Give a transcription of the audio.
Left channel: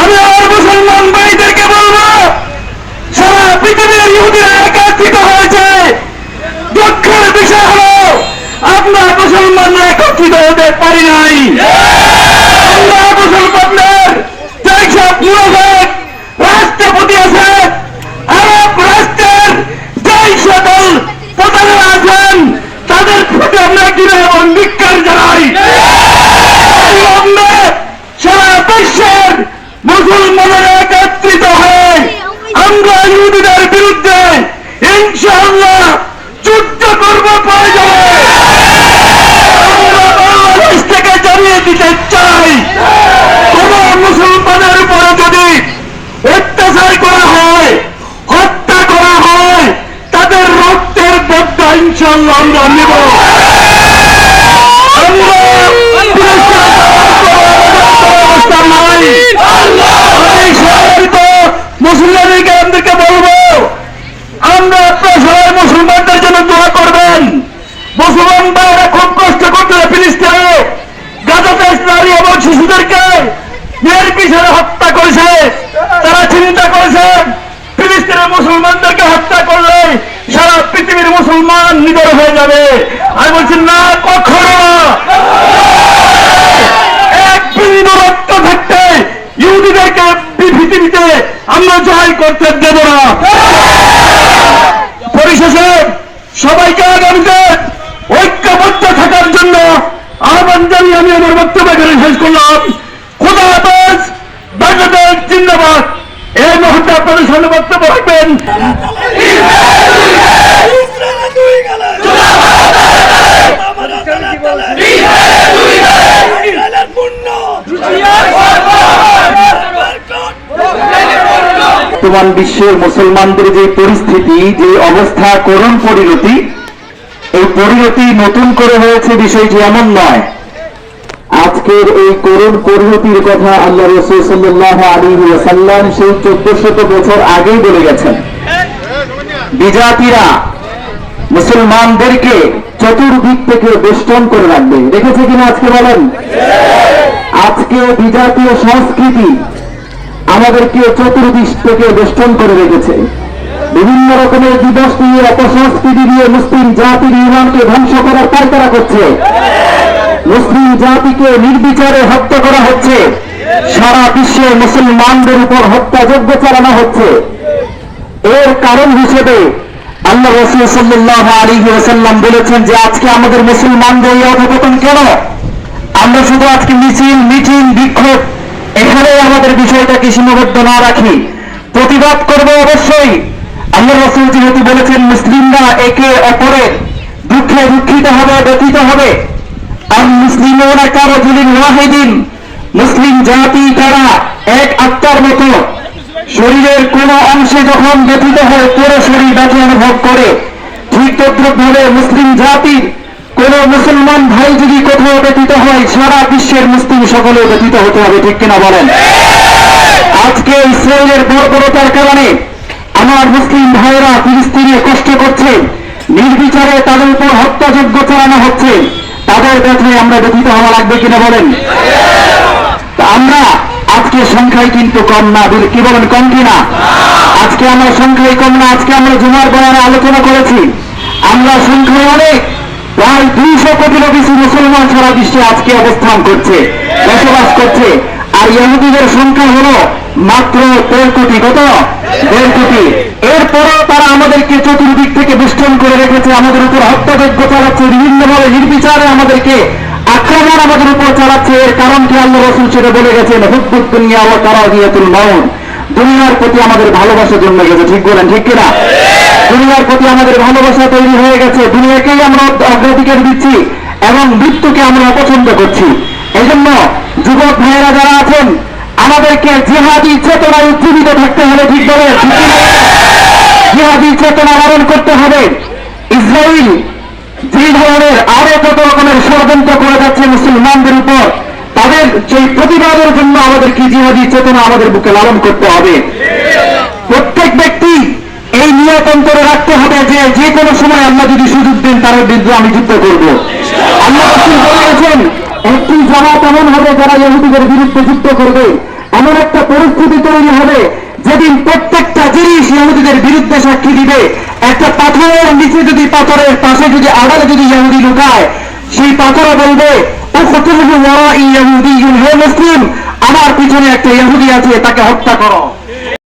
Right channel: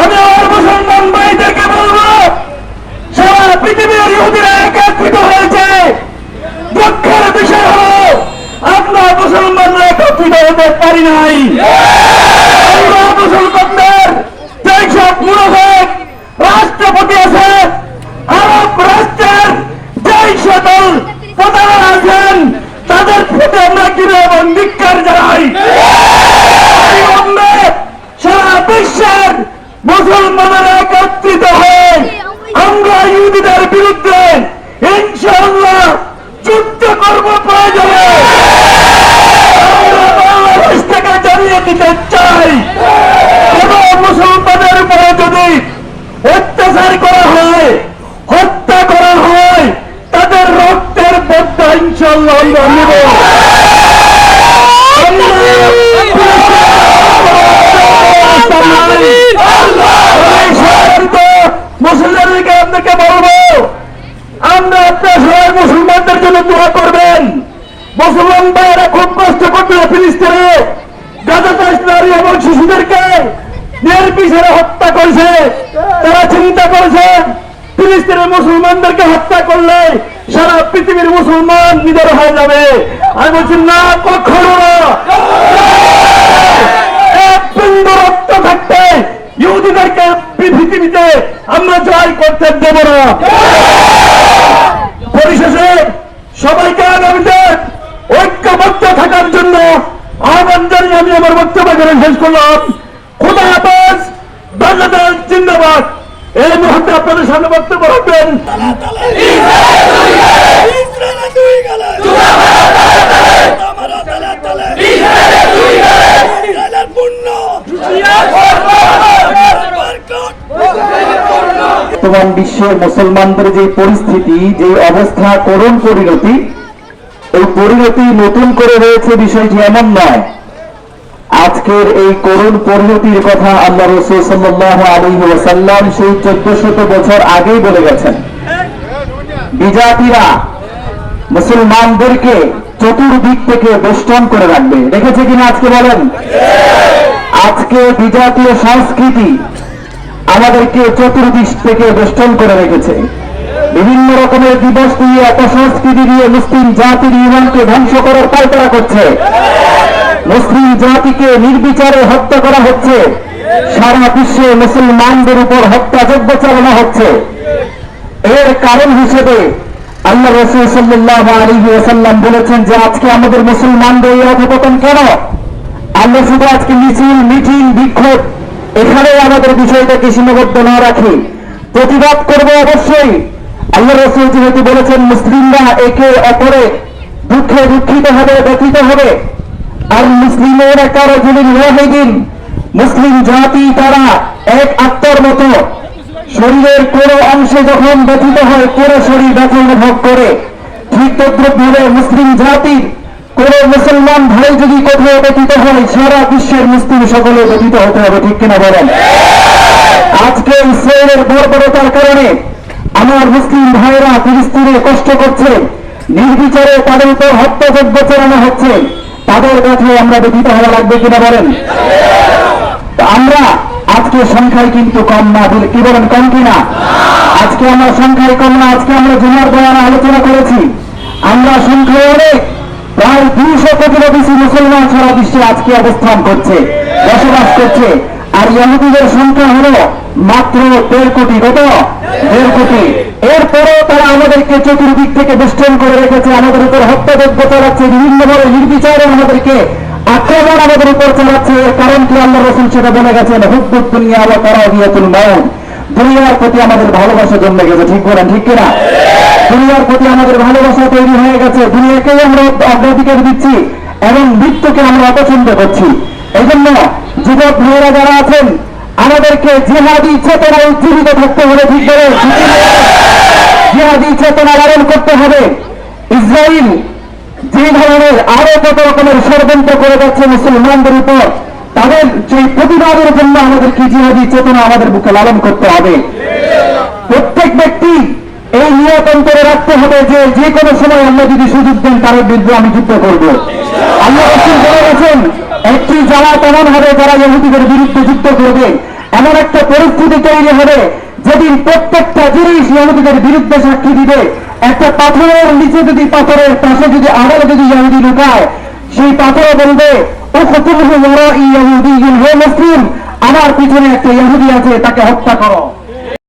আমি আমার মুসলমান ভাইদেরকে বলবো, সারা পৃথিবীর ইহুদিরা একত্রিত হয়েছে। দুঃখের বিষয় হলো আমরা মুসলমানরা একত্রিত হতে পারি নাই। আমরা মুসলমানদের যেসব মুরব্বী রাষ্ট্রপতি আছে, আরব রাষ্ট্রের যেই সকল প্রধানরা আছেন, তাদের প্রতি আমরা কিভাবে ধিক্কার জানাই। সারা বিশ্বের মুসলমানরা একত্রিত হয়ে আমরা ইহুদিদের বিরুদ্ধে ইনশাআল্লাহ যুদ্ধ করব। প্রয়োজনে আমরা বাংলাদেশ থেকে জানিয়ে দিতে চাই, কোন মুসলমানের উপরে যদি অত্যাচার করা হয়, হত্যা করা হয়, তাদের রক্তের বদলা ইনশাআল্লাহ আমরা নেব। মুসলমানদেরকে বলবো, আমরা সবাই মুসলমানদের জন্য দোয়া করবেন। মুসলমান ভাইরা খুব কষ্ট করতে ফিলিস্তিনে গাজাতে নারী এবং শিশুদেরকে নির্বিচারে হত্যা করেছে। তারা চিন্তা করেছে ফিলিস্তিনের মুসলমানদেরকে হত্যা করলে সারা পৃথিবীর মুসলমান নিডর হয়ে যাবে। আমি বলছি না, কখনো না। এক বিন্দু রক্ত থাকতে ইহুদিদেরকে পৃথিবীতে আমরা জয় করতে দেব না। পরিশেষে সবাইকে আগামীতে ঐক্যবদ্ধ থাকার জন্য আহ্বান জানিয়ে আমি আমার বক্তব্য এখানে শেষ করলাম। খোদা হাফেজ, বাংলাদেশ জিন্দাবাদ। এই মুহূর্তে আপনাদের সামনে বক্তব্য রাখবেন বর্তমান বিশ্বের মুসলমানদের যে পরিস্থিতি, যে অবস্থা, করুণ পরিণতি, এই পরিণতি নতুন করে হয়েছে বিষয়টি এমন নয়। আজকের এই করুণ পরিণতির কথা আল্লাহ রাসূল সাল্লাল্লাহু আলাইহি ওয়াসাল্লাম সেই 1400 বছর আগেই বলে গেছেন। বিজাতিরা মুসলমানদেরকে চতুর্দিক থেকে বেষ্টন করে রাখবে। দেখেছে কিনা আজকে বলেন? আজকে বিজাতীয় সংস্কৃতি আমাদেরকে চতুর্দিক থেকে বেষ্টন করে রেখেছে। বিভিন্ন রকমের দিবস নিয়ে, অপসংস্কৃতি নিয়ে মুসলিম জাতির ইমানকে ধ্বংস করার পায়তারা করছে। মুসলিম জাতিকে নির্বিচারে হত্যা করা হচ্ছে। সারা বিশ্বে মুসলমানদের উপর হত্যাযজ্ঞ চালানো হচ্ছে। এর কারণ হিসেবে আল্লাহ রাসূল সাল্লাল্লাহু আলাইহি ওয়াসাল্লাম বলেছেন যে আজকে আমাদের মুসলমানদের এই অধঃপতন কেন? আমরা শুধু আজকে মিছিল, মিটিং, বিক্ষোভ এখানে আমাদের বিষয়টাকে সীমাবদ্ধ না রাখি, প্রতিবাদ করব অবশ্যই। আল্লাহ রাসূল যেহেতু বলেছেন মুসলিমরা একে অপরের দুঃখে দুঃখিত হবে, ব্যথিত হবে। আর মুসলিমরা কারাজুলিন ওয়াহিদিন, মুসলিম জাতি তারা এক আত্মার মতো। শরীরের কোন অংশে যখন ব্যথিত হয় পুরো শরীর ব্যথা অনুভব করে। ঠিক তদ্রুপভাবে মুসলিম জাতির কোন মুসলমান ভাই যদি কোথাও ব্যথিত হয়, সারা বিশ্বের মুসলিম সকলে ব্যথিত হতে হবে। ঠিক কিনা বলেন? আজকে ইসরায়েলের বর্বরতার কারণে আমার মুসলিম ভাইরা ফিলিস্তিনে কষ্ট করছে, নির্বিচারে তাদের উপর হত্যাযজ্ঞ চালানো হচ্ছে। তাদের ব্যথায় আমরা ব্যথিত হওয়া লাগবে কিনা বলেন? আমরা আজকে সংখ্যায় কিন্তু কম না, কি বলেন? কম কিনা? আজকে আমরা সংখ্যায় কম না। আজকে আমরা জুমার বয়ানে আলোচনা করেছি, আমরা সংখ্যায় অনেক, প্রায় 200 কোটিরও বেশি মুসলমান সারা বিশ্বে আজকে অবস্থান করছে, বসবাস করছে। আর ইহুদিদের সংখ্যা হলো মাত্র 1.5 কোটি। কত? 1.5 কোটি। এরপরেও তারা আমাদেরকে চতুর্দিক থেকে বেষ্টন করে রেখেছে, আমাদের উপর হত্যাযজ্ঞ চালাচ্ছে, বিভিন্নভাবে নির্বিচারে আমাদেরকে আক্রমণ আমাদের উপর চালাচ্ছে। এর কারণ কি? আল্লাহ রাসূল সেটা বলে গেছেন, হুব্বুদ দুনিয়া ওয়া কারাহিয়াতুল মাউত। দুনিয়ার প্রতি আমাদের ভালোবাসা জন্মে গেছে। ঠিক বলেন? ঠিক কিনা? দুনিয়ার প্রতি আমাদের ভালোবাসা তৈরি হয়ে গেছে। দুনিয়াকেই আমরা অগ্রাধিকার দিচ্ছি এবং মৃত্যুকে আমরা অপছন্দ করছি। এই জন্য যুবক ভাইয়েরা যারা আছেন, আমাদেরকে জিহাদি চেতনা উজ্জীবিত থাকতে হবে। ঠিক বলেন? জিহাদি চেতনা লালন করতে হবে। ইসরায়েল যে ধরনের আরো কত রকমের ষড়যন্ত্র করে যাচ্ছে মুসলমানদের উপর, তাদের সেই প্রতিবাদের জন্য আমাদেরকে জিহাদি চেতনা আমাদের বুকে লালন করতে হবে। প্রত্যেক ব্যক্তি এই নিয়ত অন্তরে রাখতে হবে যে যে কোনো সময় আল্লাহ যদি সুযোগ দেন তার বিরুদ্ধে আমি যুদ্ধ করব। আল্লাহ রাসূল বলে গেছেন, একটি জামাত এমন হবে যারা ইহুদিদের বিরুদ্ধে যুদ্ধ করবে। এমন একটা পরিস্থিতি তৈরি হবে যেদিন প্রত্যেকটা জিনিস ইহুদিদের বিরুদ্ধে সাক্ষী দিবে। একটা পাথরের নিচে যদি, পাথরের পাশে যদি, আড়ালে যদি ইহুদি লুকায়, সেই পাথরে বলবে ও কতগুলো হে মুসলিম, আমার পিছনে একটা ইহুদি আছে, তাকে হত্যা করো।